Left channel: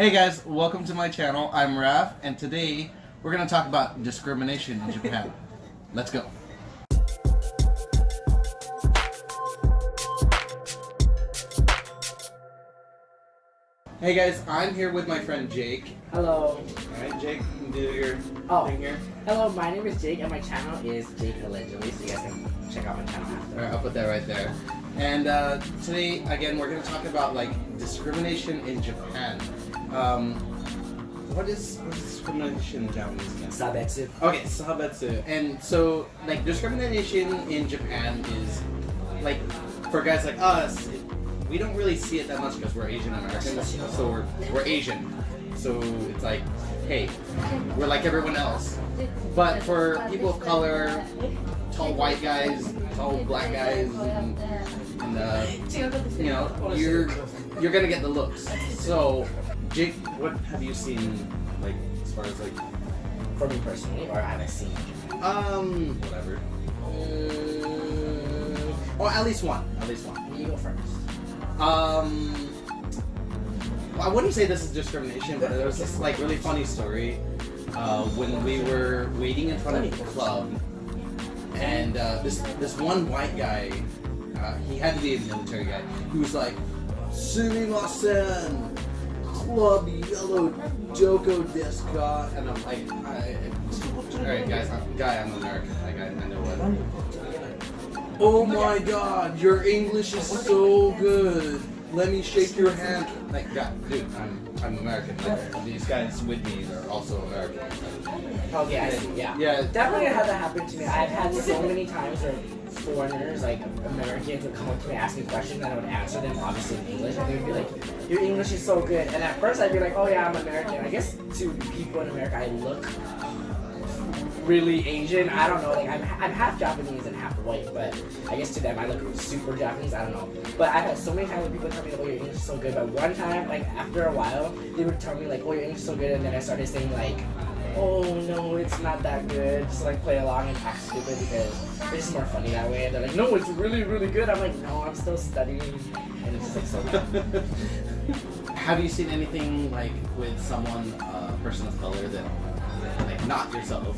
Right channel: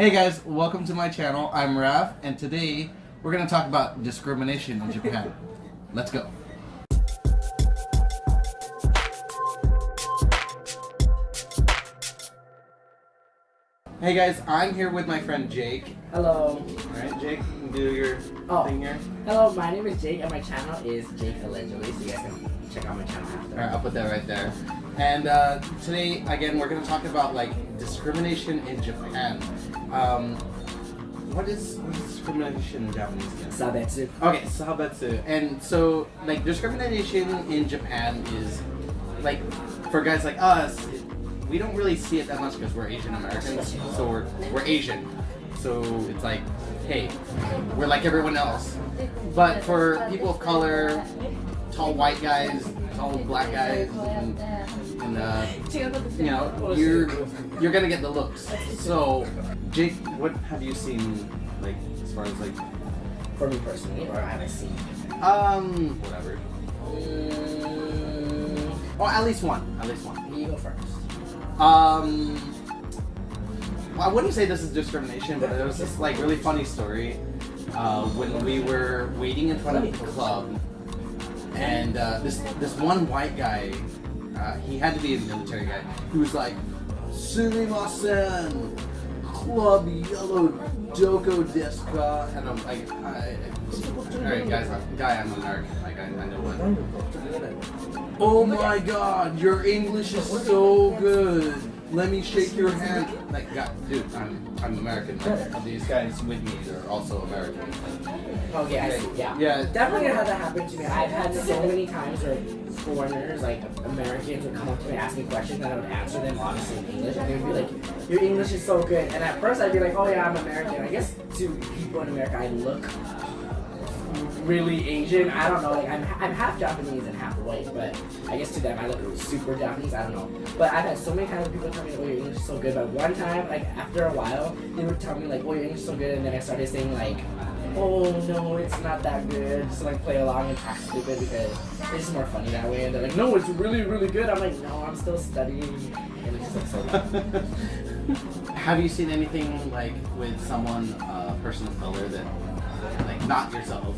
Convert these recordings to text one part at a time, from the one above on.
Hey guys, welcome to my channel. I'm Raf, and today we're going to talk about discrimination in Japan. Let's go. Hey guys, I'm here with my friend Jake. Hello. Alright, Jake, you can do your thing here. Hello, my name is Jake and my channel is Jakeallegedly, so you guys can check out my channel after. Alright, I'll put that right there. And today, again, we're going to talk about discrimination in Japan. What is discrimination in Japanese again? Sabetsu. Okay, sabetsu. And so, discrimination in Japan is, for guys like us, we don't really see it that much because we're Asian Americans, so we're Asian. So it's like, hey, we're like everyone else. But for people of color, tall white guys, tall black guys, and you're gonna get the looks. So, Jake, what have you seen, as far as For me personally, or have I seen? Whatever. Oh, at least one. You go first. I wouldn't say this is discrimination, but there was this really funny story when we were waiting in front of the club, and this one white guy, he had to be a military guy, he was like, "Sumimasen, club yellow doko desu ka?" And I'm like, alright guys, I'm American, I know what. Oh my god, your English is so good. Let me shake your hand. Dude, I'm American. These guys with me are also Americans. Okay, I see. Yeah. Yeah. Definitely had that happen to me. I've had so many times where foreigners, Americans, would come up to me and ask me questions, and I would answer them obviously in English, and they'd be like, "Your English is so good." And at first I'd be like, "Oh yeah, I'm American." I guess to people in America, I look really Asian. I don't know, I'm half Japanese and half white, but I guess to them I look super Japanese. I don't know, but I've had so many times where people tell me, "Oh, your English is so good," but one time, after a while, they would tell me "Oh, your English is so good," and then I started saying "Oh no, it's not that good," just play along and act stupid because it's just more funny that way. And they're like, "No, it's really, really good." I'm like, "No, I'm still studying," and it's just so good. Have you seen anything with someone, person of color that, not yourself?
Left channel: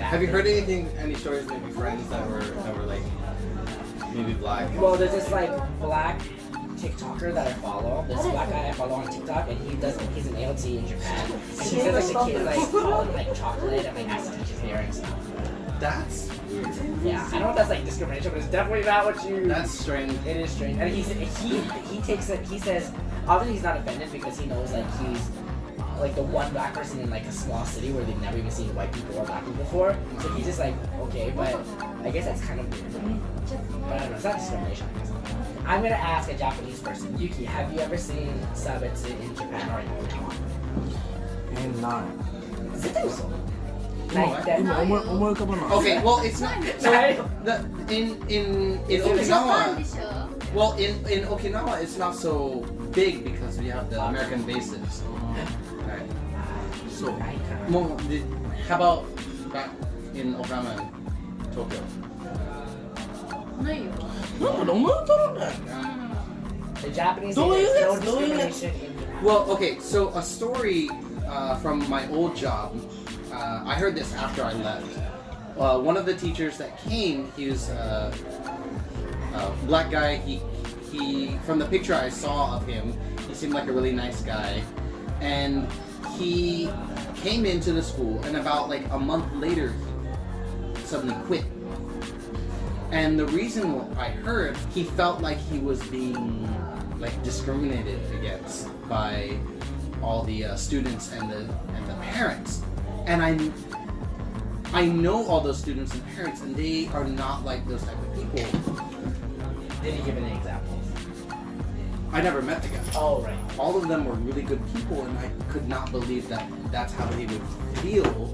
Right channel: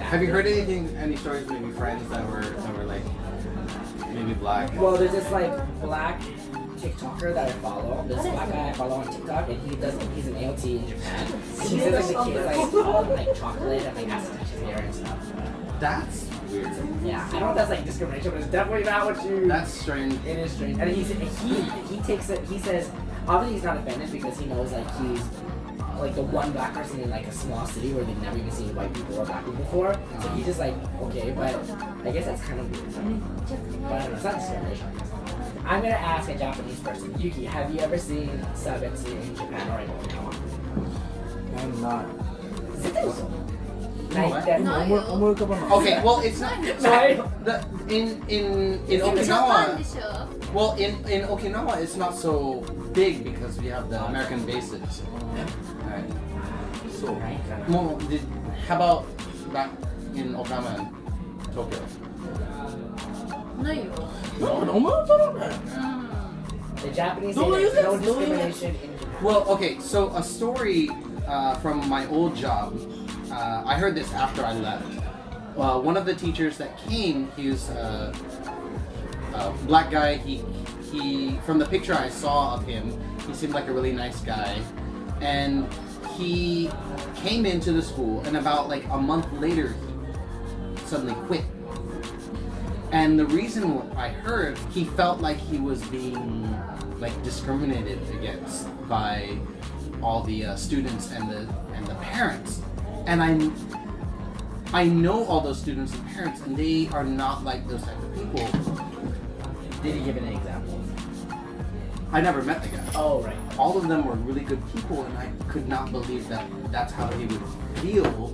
Have you heard any stories, maybe friends that were maybe black? Well, there's this black TikToker that I follow. There's a black guy I follow on TikTok, and he's an ALT in Japan. And he says the kids call him chocolate and has to touch his hair and stuff. That's weird. Yeah, I don't know if that's discrimination, but it's definitely not what you. That's strange. It is strange, and he takes it. He says obviously he's not offended because he knows he's the one black person in a small city where they've never even seen white people or black people before. So he's just okay, but I guess that's kind of weird. But I don't know, it's not discrimination. I'm gonna ask a Japanese person. Yuki, have you ever seen sabetsu in Japan or in Okinawa? I'm not. Okay, well it's not. So in Okinawa. Well, in Okinawa, it's not so big because we have the American bases. Right. So, how about back in Okinawa and Tokyo? The Japanese say there's no discrimination in Japan. Well, okay, so a story from my old job. I heard this after I left. One of the teachers that came, he was a black guy. He from the picture I saw of him, he seemed like a really nice guy, and he came into the school, and about a month later, he suddenly quit. And the reason I heard, he felt like he was being discriminated against by all the students and the parents, and I know all those students and parents, and they are not like those type of people. Did he give an example? I never met the guy. Oh, right. All of them were really good people, and I could not believe that that's how he would feel.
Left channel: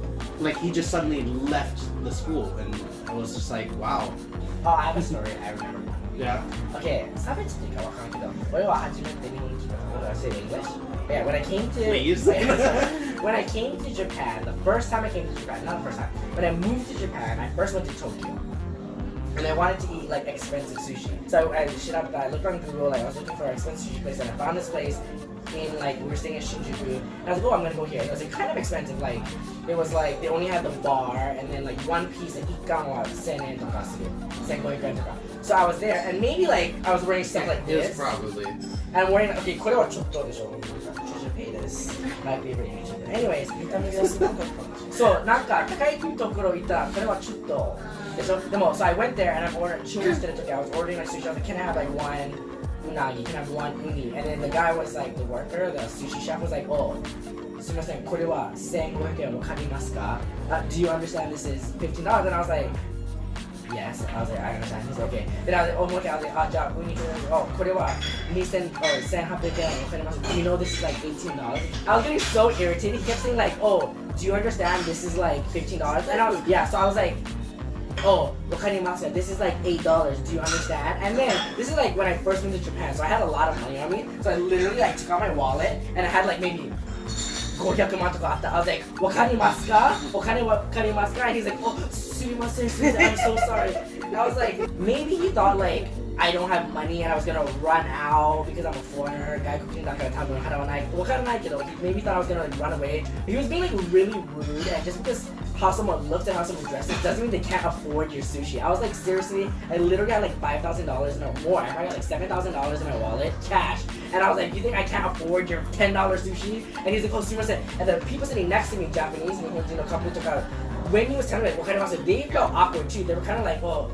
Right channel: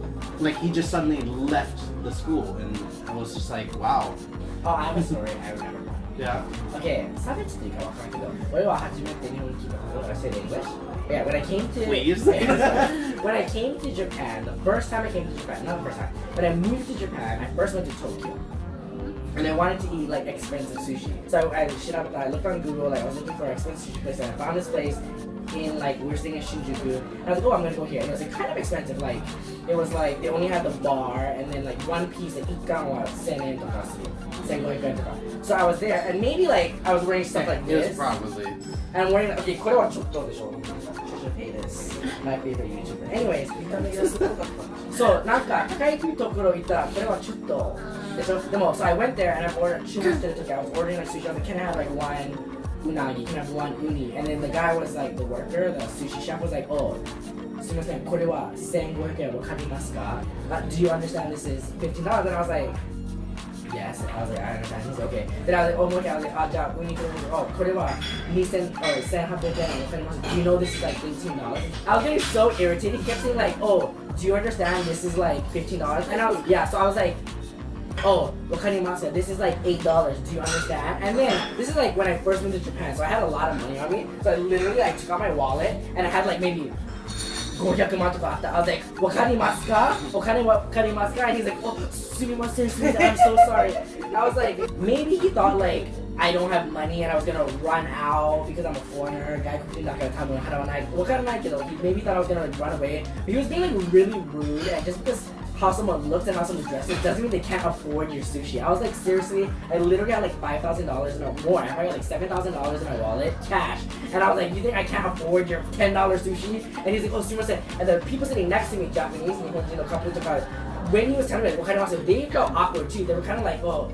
He just suddenly left the school, and I was just wow. Oh, I have a story. I remember. Yeah. Okay, 差別っていうかわからんけど、俺は初めて日本に来たことが say English. Yeah, when I came to when I came to Japan, the first time I came to Japan, not the first time, when I moved to Japan, I first went to Tokyo. and I wanted to eat like expensive sushi. So I looked on Google, like I was looking for an expensive sushi place, and I found this place in like, we were staying in Shinjuku, and I was like, oh, I'm gonna go here. And it was like kind of expensive. Like it was like they only had the bar, and then like one piece like ikkan was 1000 yen to ka suru, 1500 yen to ka. So I was there, and maybe like I was wearing stuff like It was this. probably. And I'm wearing, okay, これはちょっとでしょ。should pay this. My favorite YouTuber. Anyways, 見た目がすごくそう、なんか高いところ行ったら、これはちょっとでしょ。でも、so I went there and I'm ordering, 注文してる時、I was ordering like sushi. I was like, can I have like one unagi? Can I have one uni? And then the guy was like, the worker, the sushi chef was like, oh, すみません、これは1500円わかりますか? Do you understand this is $15? And I was like, yes. I was like, I understand. He's like, okay. Then I was like, oh, okay. I was like, じゃあ、ウニとウニと、oh, これは1800円わかります。Do you know this is like $18? I was getting so irritated. He kept saying like, oh, do you understand this is like $15? And I was, yeah. So I was like, oh, わかります。This is like $8. Do you understand? And then this is like when I first went to Japan, so I had a lot of money on me. So I literally like took out my wallet and I had like maybe 500万とかあった。I was like, わかりますか? お金わかりますか? And he's like, oh, すみません, I'm so sorry. I was like, maybe he thought like I don't have money and I was gonna run out because I'm a foreigner. 外国人だから多分払わない。わからないけど, he maybe thought I was gonna like run away. But he was being like really rude, and just because how someone looks and how someone dresses doesn't mean they can't afford your sushi. I was like, seriously, I literally had like $5,000 or more. I got like $7,000 in my wallet, cash. And I was like, you think I can't afford your $10 sushi? And he's like, oh, sumimasen. And the people sitting next to me, Japanese, couple took out. When he was telling me like, what kind of they felt awkward too. They were kind of like, oh,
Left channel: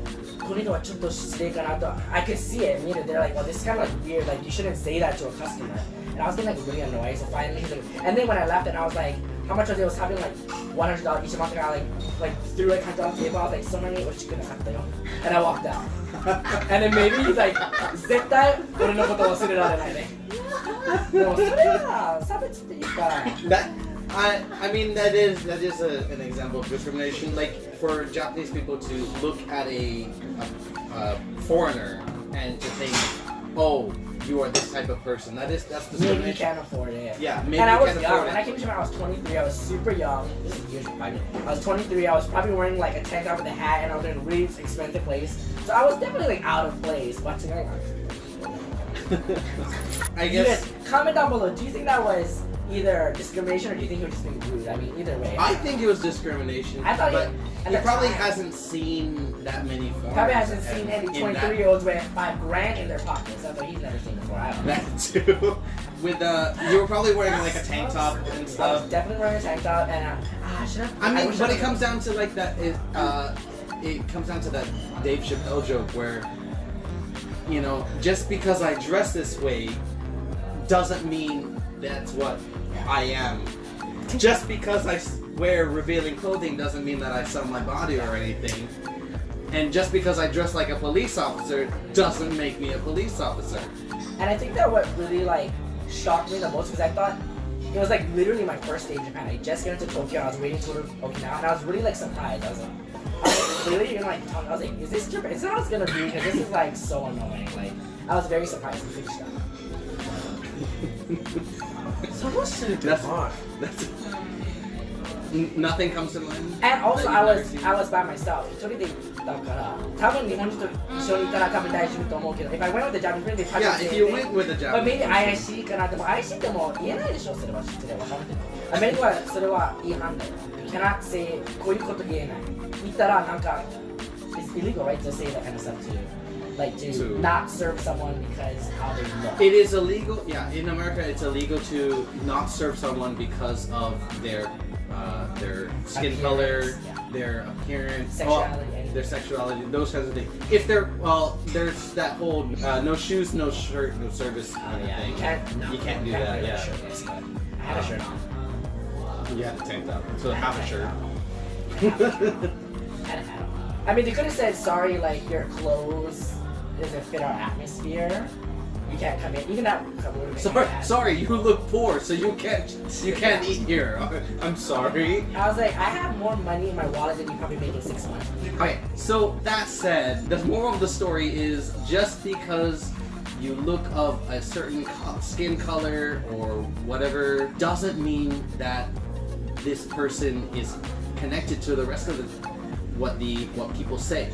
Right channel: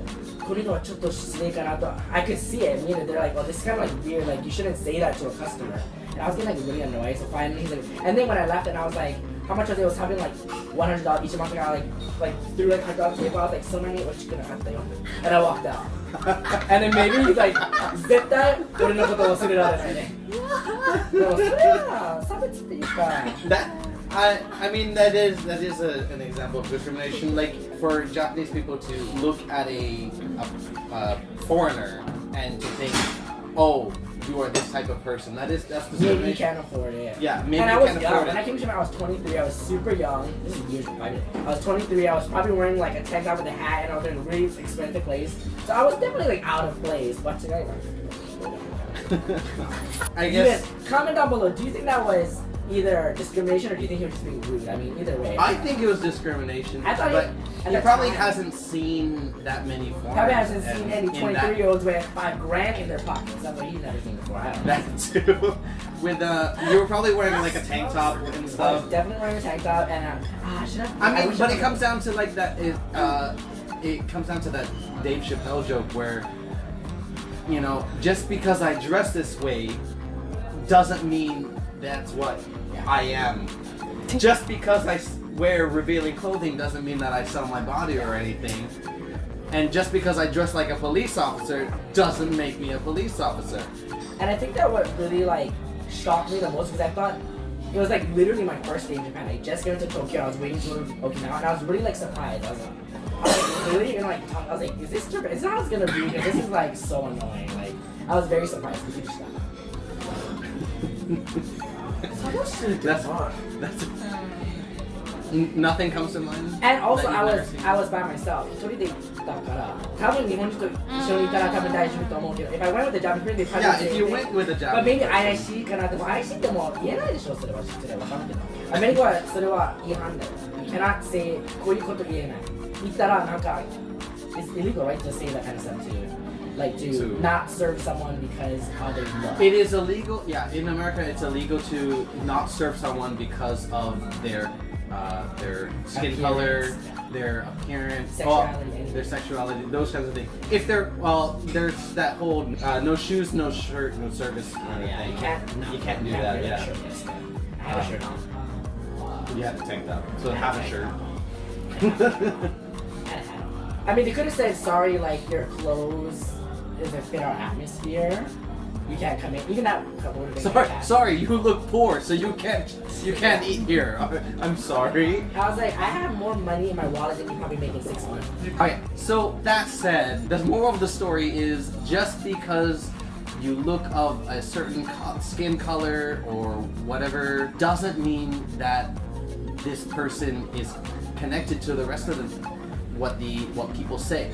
I could see it. Meaning they're like, oh, this is kind of like weird. Like you shouldn't say that to a customer. And I was getting like really annoyed. So finally, he's like, and then when I left, and I was like, how much was it? It was having like $100 each month. I like threw like $100 table. I was like, so many, what you gonna have to? And I walked out. And then maybe he's like, 絶対俺のこと忘れられないね。でもそれは差別っていうか。That I mean that is an example of discrimination. Like for Japanese people to look at a foreigner and to think, oh, you are this type of person. That's discrimination. Maybe you can't afford it. Yeah, maybe and I you was can't young. afford When it. I came to Japan, I was 23. I was super young. This is years ago. I was 23. I was probably wearing like a tank top with a hat, and I was in a really expensive place. So I was definitely like out of place. But I guess. Comment down below. Do you think that was either discrimination or do you think he was just being rude? I mean, either way. I think it was discrimination. I thought but he probably hasn't seen that many foreigners. Probably hasn't seen any 23-year-olds with $5,000 in their pockets. That's what he's never seen before. I don't know. That too. With you were probably wearing like a tank top and I was stuff. definitely wearing a tank top and should have. I mean, but it comes down to like that. It comes down to that Dave Chappelle joke where, you know, just because I dress this way doesn't mean that's what I am. Just because I wear revealing clothing doesn't mean that I sell my body or anything. And just because I dress like a police officer doesn't make me a police officer. And I think that what really like shocked me the most because I thought it was like literally my first day in Japan. I just got into Tokyo. I was waiting to go to Okinawa, and I was really like surprised. I was like really in like I was like, is this Japan? Is that how it's gonna be? Because this is like so annoying. Like I was very surprised. That's nothing comes to mind. And also that you've I was by myself. 一人で行ったから多分日本人と一緒にいたら多分大丈夫と思うけど if I went with the Japanese friend they probably Yeah, if you went with a but maybe Japanese IC かなでも IC ってもう言えないでしょそれは失礼わかるけどアメリカはそれは違反だよ You cannot say こういうこと言えない言ったらなんか It's illegal right to say that kind of stuff to you like to not serve someone because how they look. It is illegal. Yeah, in America, it's illegal to not serve someone because of their skin color, their appearance, sexuality, their sexuality, those kinds of things. If they're there's that whole no shoes, no shirt, no service kind of thing. You can't do that. Yeah. Shirt, yes, I had a shirt on. You had a tank top, so half a shirt. I mean, they could have said sorry, like your clothes doesn't fit our atmosphere. You can't come in. Even that couple would have been Sorry, you look poor, so you can't eat here. I'm sorry. I was like, I have more money in my wallet than you probably make in 6 months. Okay, so that said, the moral of the story is just because you look of a certain skin color or whatever doesn't mean that this person is connected to the rest of what people say.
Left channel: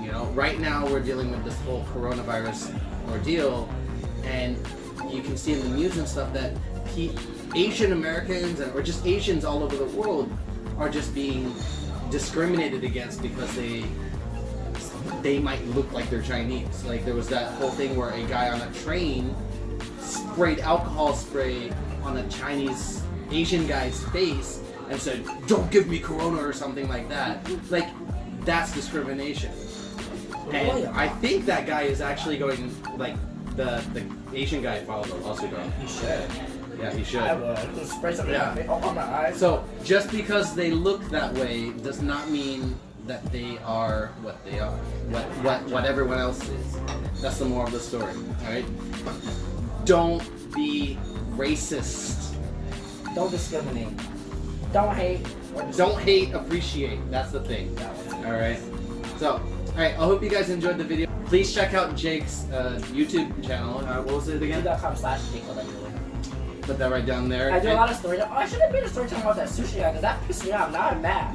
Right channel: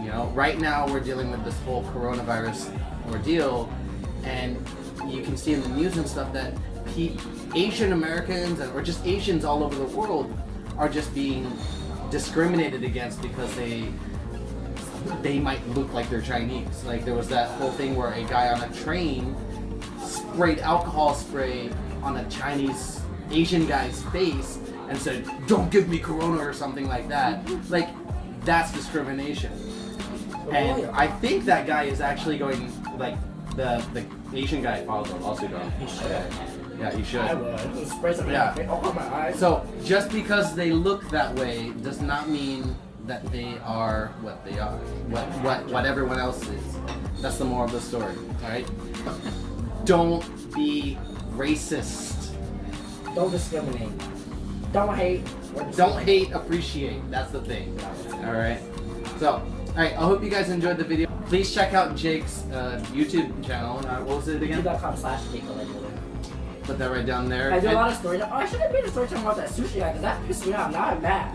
You know, right now we're dealing with this whole coronavirus ordeal, and you can see in the news and stuff that Asian Americans or just Asians all over the world are just being discriminated against because they might look like they're Chinese. Like there was that whole thing where a guy on a train sprayed alcohol spray on a Chinese Asian guy's face and said, "Don't give me corona," or something like that. Like that's discrimination. And I think that guy is actually going, like the Asian guy filed a lawsuit on him. He should. Yeah, he should. I would. Spray something on my eyes. So just because they look that way does not mean that they are what they are. What everyone else is. That's the moral of the story. Alright? Don't be racist. Don't discriminate. Don't hate. Don't hate, appreciate. That's the thing. Alright? So, alright, I hope you guys enjoyed the video. Please check out Jake's YouTube channel. What was it again? YouTube.com/Jakeallegedly. Put that right down there. I do a lot of stories. Oh, I should have made a story talking about that sushi guy because that pissed me off. Now I'm mad.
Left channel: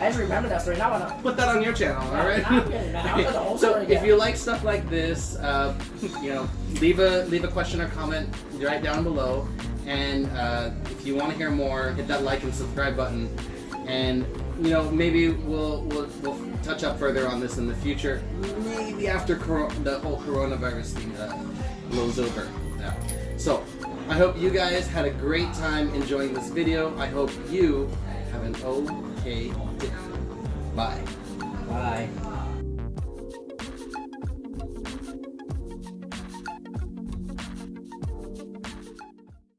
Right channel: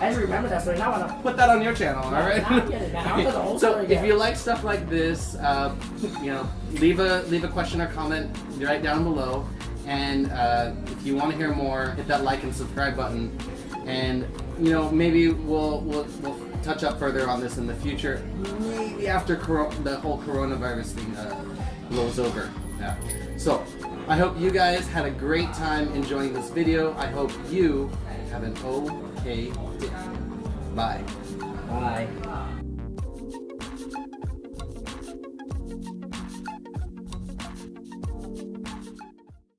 I just remember that story. Now I'm put that on your channel, alright? I'm getting mad. I'll tell the whole So story if again. you like stuff like this, you know, leave a question or comment right down below. And if you want to hear more, hit that like and subscribe button. And you know, maybe we'll touch up further on this in the future. Maybe after the whole coronavirus thing blows over. Yeah. So I hope you guys had a great time enjoying this video. I hope you have an okay day. Bye. Bye.